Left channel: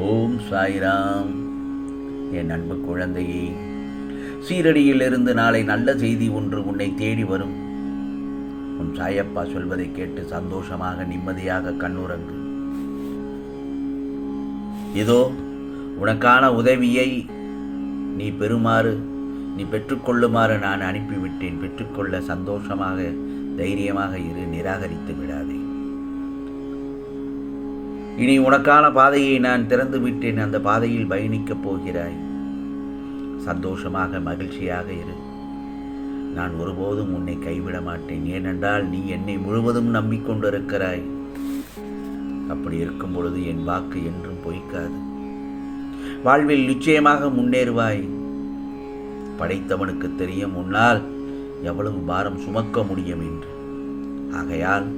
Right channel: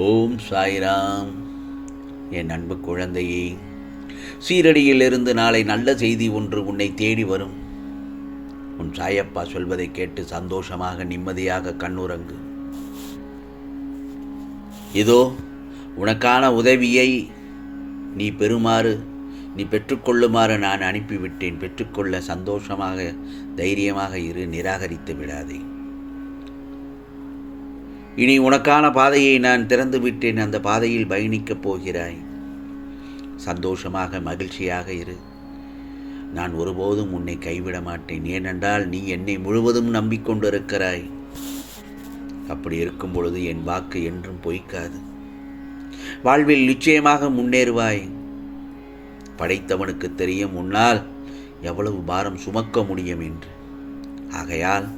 ஓம் சாய்ராம். என் அன்பு குழந்தையே, சீரடியிலிருந்து நாளை நல்ல செய்தி ஒன்று உன்னை தேடி வரும். உன் சாயப்பா சொல்வதை கேட்டு சந்தோஷமாக நிம்மதியாக கண்ணுறங்கு. இதோ உனக்கான உதவியை நீ பெற்றுக்கொள்ளுமாறு நான் அனுப்பிவிட்டேன். பெற்றுக்கொள்ள சந்தோஷமாக தைரியமாக இரு, நிராகரித்து விடாதே. இனி உனக்கான பாதையை நான் திறந்து விட்டேன். அந்த பாதையில் பயணிக்கப் போகிறாய். சந்தோஷமாக மகிழ்ச்சியாக இரு. நான் ஒருபோதும் உன்னை கைவிட மாட்டேன். ஏனென்றால் நீ என்னை முழுவதும் நம்பிக்கொண்டிருக்கிறாய். அப்படி இருக்கும் பொழுது என் வாக்கு என்றும் பொய்க்காது. வாழ்வில் நிச்சயமாக முன்னேறுவாய். படைத்தவனுக்கு தெரியும் உன்னால் எவ்வளவு பாரம் சுமக்க முடியும் என்று. ஆகையால்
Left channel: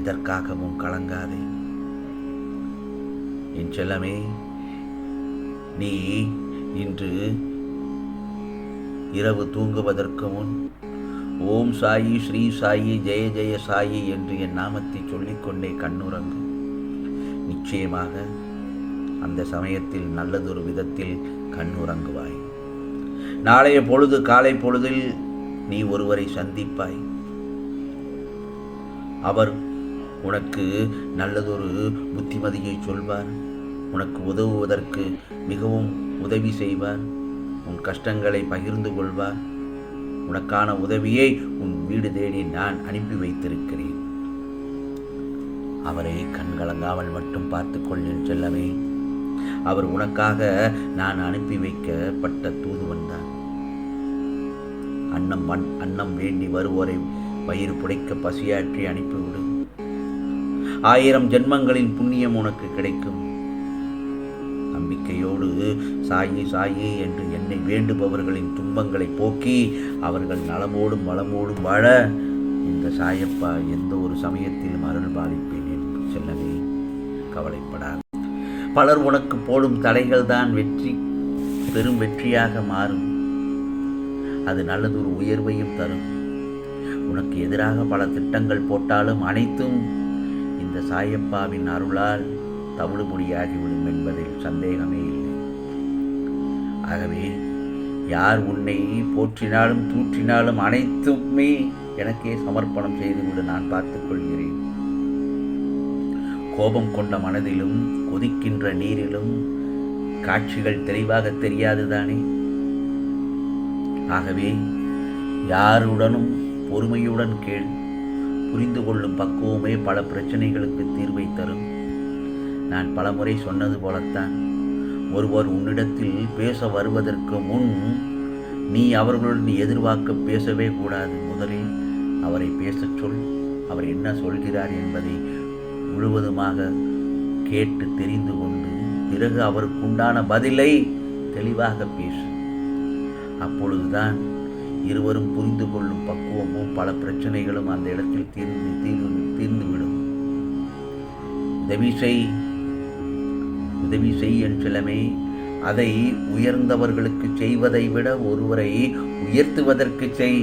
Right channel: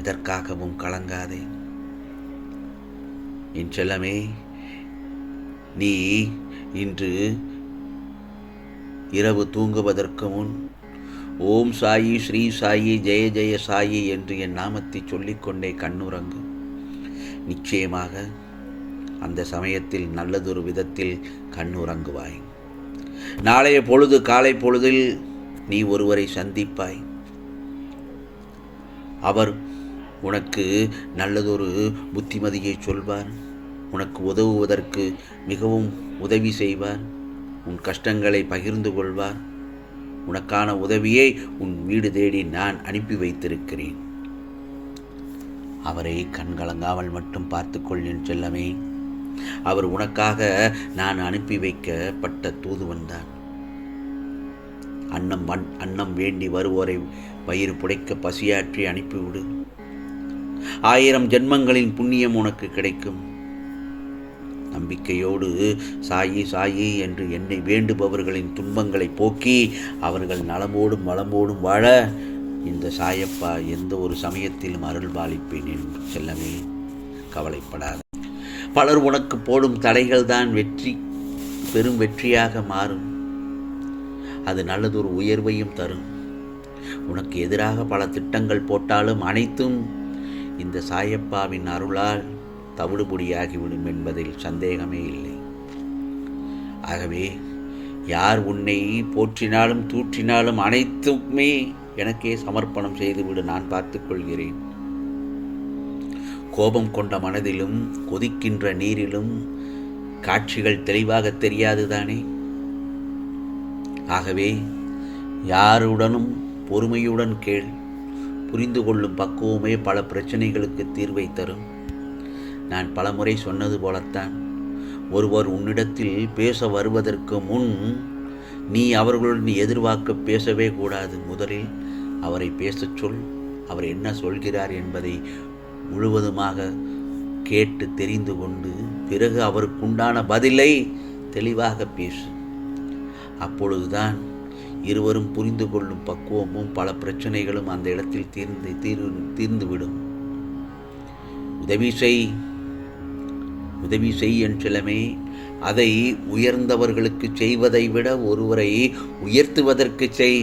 எதற்காகவும் கலங்காதே. என் செல்லமே, நீ இன்று இரவு தூங்குவதற்கு முன் ஓம் சாயி, ஸ்ரீ சாயி, ஜெய ஜெய சாயி என்று என் நாமத்தை சொல்லிக்கொண்டே கண்ணுறங்கு. நிச்சயமாக அந்த சமயத்தில் நல்லதொரு விதத்தில் கண்ணுறங்குவாய். நாளைய பொழுது காலை பொழுதில் நீ ஒருவரை சந்திப்பாய். அவர் உனக்கு நல்லதொரு புத்திமதியை சொல்வார். உனக்கு உதவுவதற்கு மிகவும் உதவி செய்வார். உன் கஷ்டங்களை பகிர்ந்து கொள்வார். உனக்கான உதவியை உன் வீடு தேடி நான் அனுப்பி வைத்திருக்கிறேன். அவரை கண்கலங்காமல் மட்டும் பார்த்துக்கொள் என் செல்லமே. அவர் உனக்காக நான் அனுப்பி வைக்கப்பட்ட தூதுவன் தான். அன்னம் வேண்டி வருவோரை வயிறு புடைக்க பசியாற்றி அனுப்பிவிடு. 1000 ஜென்மங்களின் புண்ணியம் உனக்கு கிடைக்கும். நம்பிக்கையோடு சாயி சாயி என்று என்னை வேண்டுபவர்களின் துன்பங்களை போக்கி அவர்கள் நலமோடும் வளமோடும் வாழ இந்த சாயப்பா எந்த ஒரு சமயத்திலும் அருள் பாலிப்பேன் என்று செல்லவே. கவலைப்படாது. பலர் உனக்கு போடும் தடைகள் தான் பெரும் வெற்றியாக மாறும். அது நல்லதொரு உயர்வையும் தரும். உனக்கு எதிராக பல திட்டங்கள் போட்டாலும் அனைத்தும் இந்த சாயப்பாவின் அருளால் தவிடுபொடியாகிவிடும் என்பதில் சந்தேகமே இல்லை. ஆகவே யார் உன்னை போற்றினாலும் தூற்றினாலும் அனைத்துமே எனக்கே சமர்ப்பணம் செய்துவிடு. நான் பார்த்துக் கொள்கிறேன். கோபம் கொண்ட மனதிலும் கொதிக்கின்ற நீரிலும் காட்சிகள் தெளிவாக தெரியாதுதானே. ஆகவே யாருடனும் பொறுமையுடன் கேள். புரிந்து கொள்ளும் பக்குவமே பல பிரச்சனைகளுக்கு தீர்வை தரும். நான் பலமுறை சொன்னது போலத்தான், ஒருவர் உன்னிடத்தில் பேச வருவதற்கு முன் நீ அவர்களுடன் எதிர்பார்க்க பேசவே கூடாது. முதலில் அவரை பேசச் சொல். அவர் என்ன சொல்கிறார் என்பதை முழுவதுமாக கேட்டு தெரிந்து கொண்டு பிறகு அவருக்குண்டான பதிலை தெளிவாக பேசு. அப்பொழுதுதான் இருவரும் புரிந்து கொள்ளும் பக்குவமும் பல பிரச்சனைகளும் அந்த இடத்தில் தீர்ந்துவிடும். உதவி செய் என் செல்லமே. அதை உயர்ந்தவர்களுக்கு செய்வதை விட ஒருவரை உயர்த்துவதற்கு செய்.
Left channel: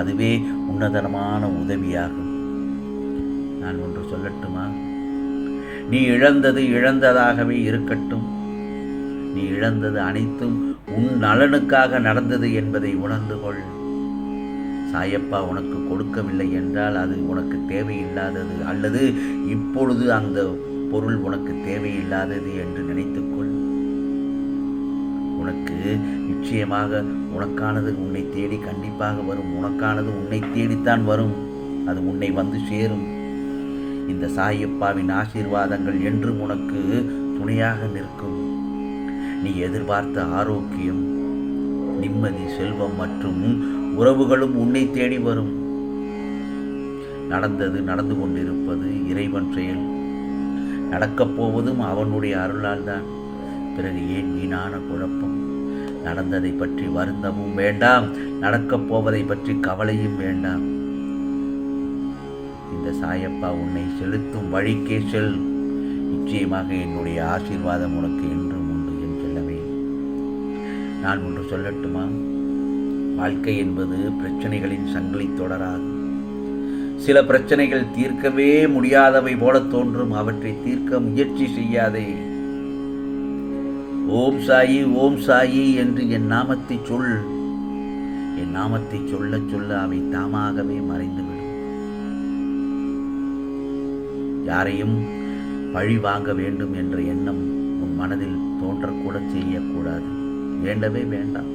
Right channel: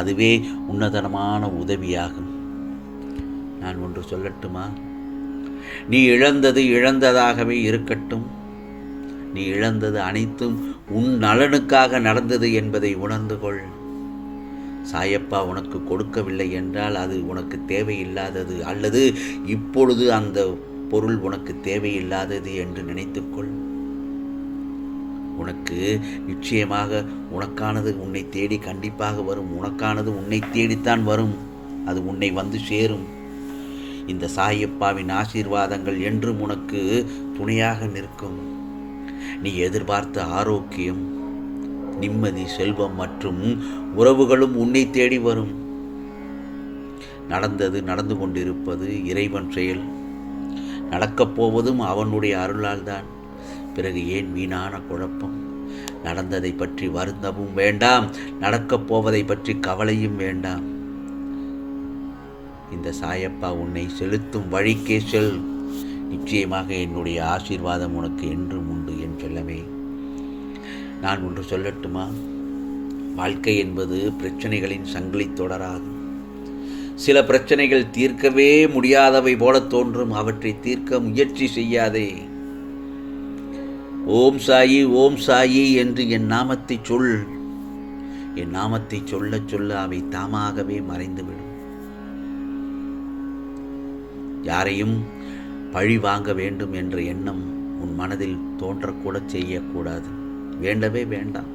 அதுவே உன்னதமான உதவியாகும். நான் ஒன்று சொல்லட்டுமா? நீ இழந்தது இழந்ததாகவே இருக்கட்டும். நீ இழந்தது அனைத்தும் உன் நலனுக்காக நடந்தது என்பதை உணர்ந்து கொள். சாயப்பா உனக்கு கொடுக்கவில்லை என்றால் அது உனக்கு தேவையில்லாதது, அல்லது இப்பொழுது அந்த பொருள் உனக்கு தேவையில்லாதது என்று நினைத்துக்கொள். உனக்கு நிச்சயமாக உனக்கானது உன்னை தேடி கண்டிப்பாக வரும். உனக்கானது உன்னை தேடித்தான் வரும். அது உன்னை வந்து சேரும். இந்த சாயப்பாவின் ஆசீர்வாதங்கள் என்றும் உனக்கு துணையாக நிற்கும். நீ எதிர்பார்த்த ஆரோக்கியம், நிம்மதி, செல்வம் மற்றும் உறவுகளும் உன்னை தேடி வரும். நடந்து கொண்டிருப்பது இறைவன் செயல். நடக்கப் போவதும் அவனுடைய அருளால் தான். பிறகு ஏன் வீணான குழப்பம்? நடந்ததை பற்றி வருந்தவும் வேண்டாம், நடக்கப் போவதை பற்றி கவலையும் வேண்டாம். இந்த சாயப்பா உன்னை செலுத்தும் வழிக்கே செல். நிச்சயமாக என்னுடைய ஆசீர்வாதம் உனக்கு என்றும் உண்டு என் செல்லமே. நான் ஒன்று சொல்லட்டுமா? வாழ்க்கை என்பது பிரச்சனைகளின் சங்கிலி தொடராது. சில பிரச்சனைகள் தீர்க்கவே முடியாதவை போல தோன்றும். அவற்றை தீர்க்க முயற்சி செய்யாதே. ஓம் சாயி ஓம் சாயி என்று என் நாமத்தை சொல். என் நாமத்தை சொல்ல சொல்ல அவை தாமாகவே மறைந்துவிடும். யாரையும் பழி வாங்க வேண்டும் என்ற எண்ணம் உன் மனதில் தோன்றக்கூட செய்யக்கூடாது. வேண்டவே வேண்டாம்.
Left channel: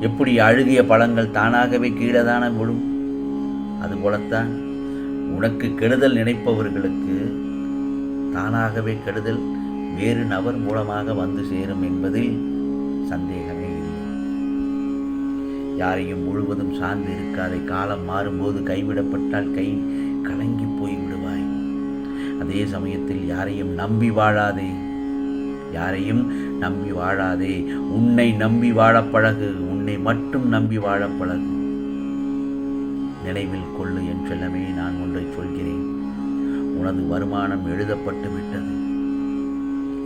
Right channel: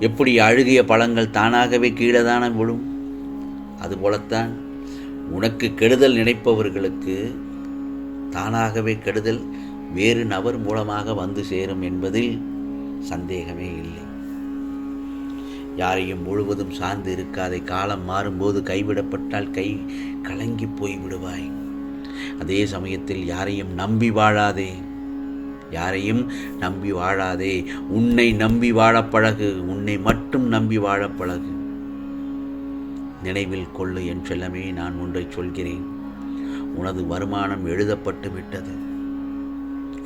எப்படி அழுகிய பழங்கள் தானாகவே கீழே தானே விழும், அதுபோலத்தான் உனக்கு கெடுதல் நினைப்பவர்களுக்கு தானாகவே கெடுதல் வேறு நபர் மூலமாக வந்து சேரும் என்பதில் சந்தேகமே இல்லை. யாரையும் முழுவதும் சார்ந்து இருக்காதே. காலம் மாறும்போது கைவிடப்பட்டால் கை கலங்கி போய் விடுவாய். அதே சமயத்தில் யாரையும் நம்பி வாழாதே. யாரையும் நம்பி வாழாதே. உன்னை நம்பி வாழப் பழகு. உன்னை மட்டும் நம்பி வாழப் பழகு. நினைவில் கொள்ளு என் செல்லமே, நான் ஒன்றை சொல்கிறேன். உனது வருமானம் எழுதப்பட்டு விட்டது.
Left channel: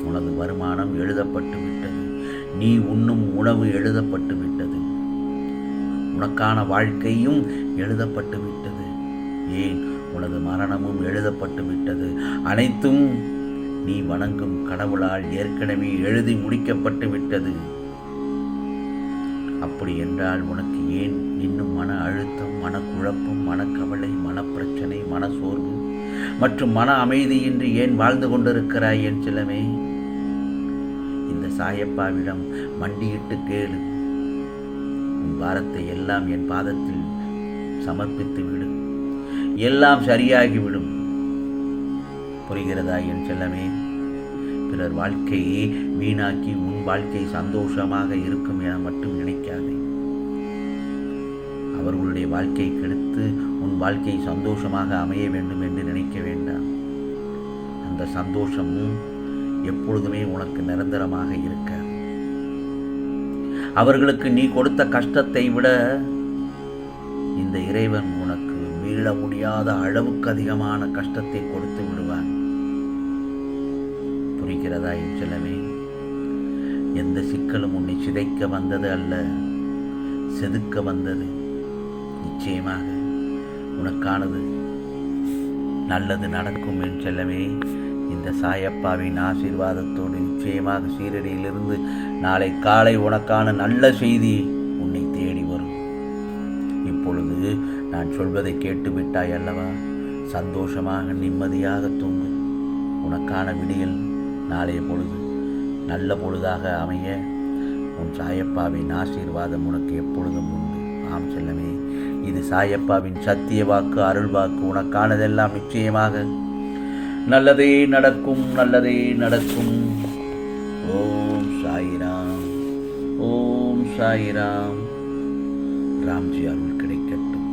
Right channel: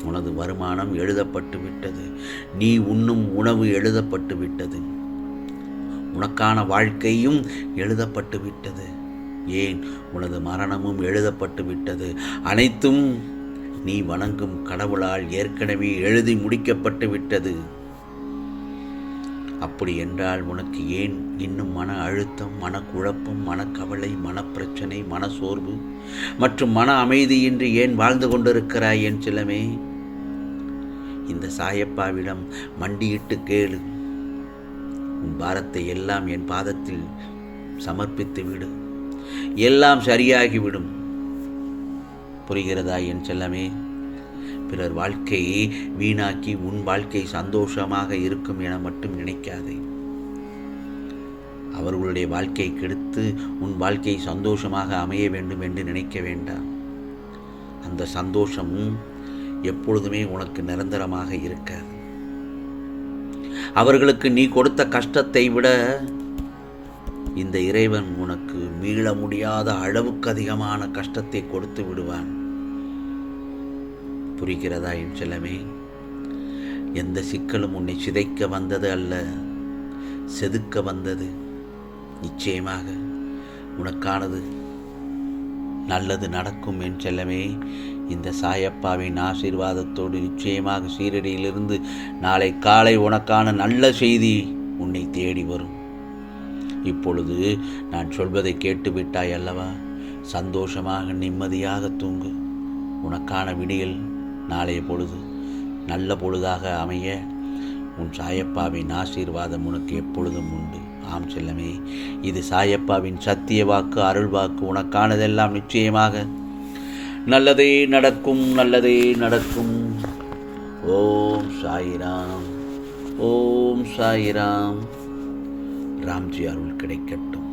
உனது வருமானம் எழுதப்பட்டு விட்டது. நீ உண்ணும் உணவு எழுதப்பட்டு விட்டது. உனக்கான வாழ்க்கையும் எழுதப்பட்டு விட்டது. ஏன், உனது மரணமும் எழுதப்பட்டு விட்டது. அனைத்தும் நீ வணங்கும் கடவுளால் ஏற்கனவே எழுதி முடிக்கப்பட்டு விட்டது. அப்படி என்றால் உனக்கு ஏன் இன்னும் மன அழுத்தம், மனக்குழப்பம், மனக்கவலை, மனப்பிரச்சனை, மனசோர்வு மற்றும் மன அமைதியின்றி ஏன் வாழ்ந்து கொண்டிருக்கிறாய் என் செல்லமே? இந்த சாயப்பாவிடம் மண்டியிட்டு கேளு. உன் பாரத்தை எல்லாம் என் பாதத்தில் சமர்ப்பித்து விடு. எல்லாம் சரியாகிவிடும். புரிகிறதா என் செல்லமே? பிறர் வாழ்க்கையை வீணாக்கி உன் வாழ்க்கை சந்தோஷமாக இருக்கும் என மட்டும் நினைக்காதே. அவர்களுடைய வாழ்க்கை கெடுத்து உன் வாழ்க்கை சந்தோஷமாக அமைய வேண்டும் என்று நினைக்க வேண்டாம். அந்த சந்தோஷம் எப்பொழுதுமே உனக்கு நிரந்தரமாக இருக்காது. அவர்களுக்கு நீ கொடுத்த கஷ்டத்தை விட இந்த இறைவன் உனக்கு மீள முடியாத அளவுக்கு அதிகமான கஷ்டத்தை கொடுத்து விடுவான். புரிகிறதா என் செல்லமே? எந்த சிக்கலும் உன்னை சிதைக்க வந்தது அல்ல, செதுக்க வந்தது. நிச்சயமாக உனக்கானது நல்லது நடக்கும் என் செல்லமே. இந்த சாயப்பாவின் ஆசீர்வாதத்தோடு நிச்சயமாக சீரடியிலிருந்து நாளை காலை உனக்கான நல்ல செய்தி உன்னை தேடி வரும். இப்பொழுது நான் சொல்வதை கேட்டுவிட்டாய் அல்லவா? சந்தோஷமாக நிம்மதியாக தூங்கு. உனக்கான விடியல் நாளைய பொழுது நல்ல பொழுதாக அமைய உன் சாயப்பாவின் ஆசீர்வாதம் உனக்கு எப்பொழுதும் உண்டு. ஆம் செல்லமே, இது சாயப்பாவின் சத்திய வாக்கு, அருள் வாக்கு. உனக்கானதெல்லாம் நிச்சயமாக நல்லதே நடக்கும், நல்லதே நடக்கும். ஓம் சாயிராம், ஓம் சாயிராம். ராம்ஜி அருள் கிடைக்கட்டும்.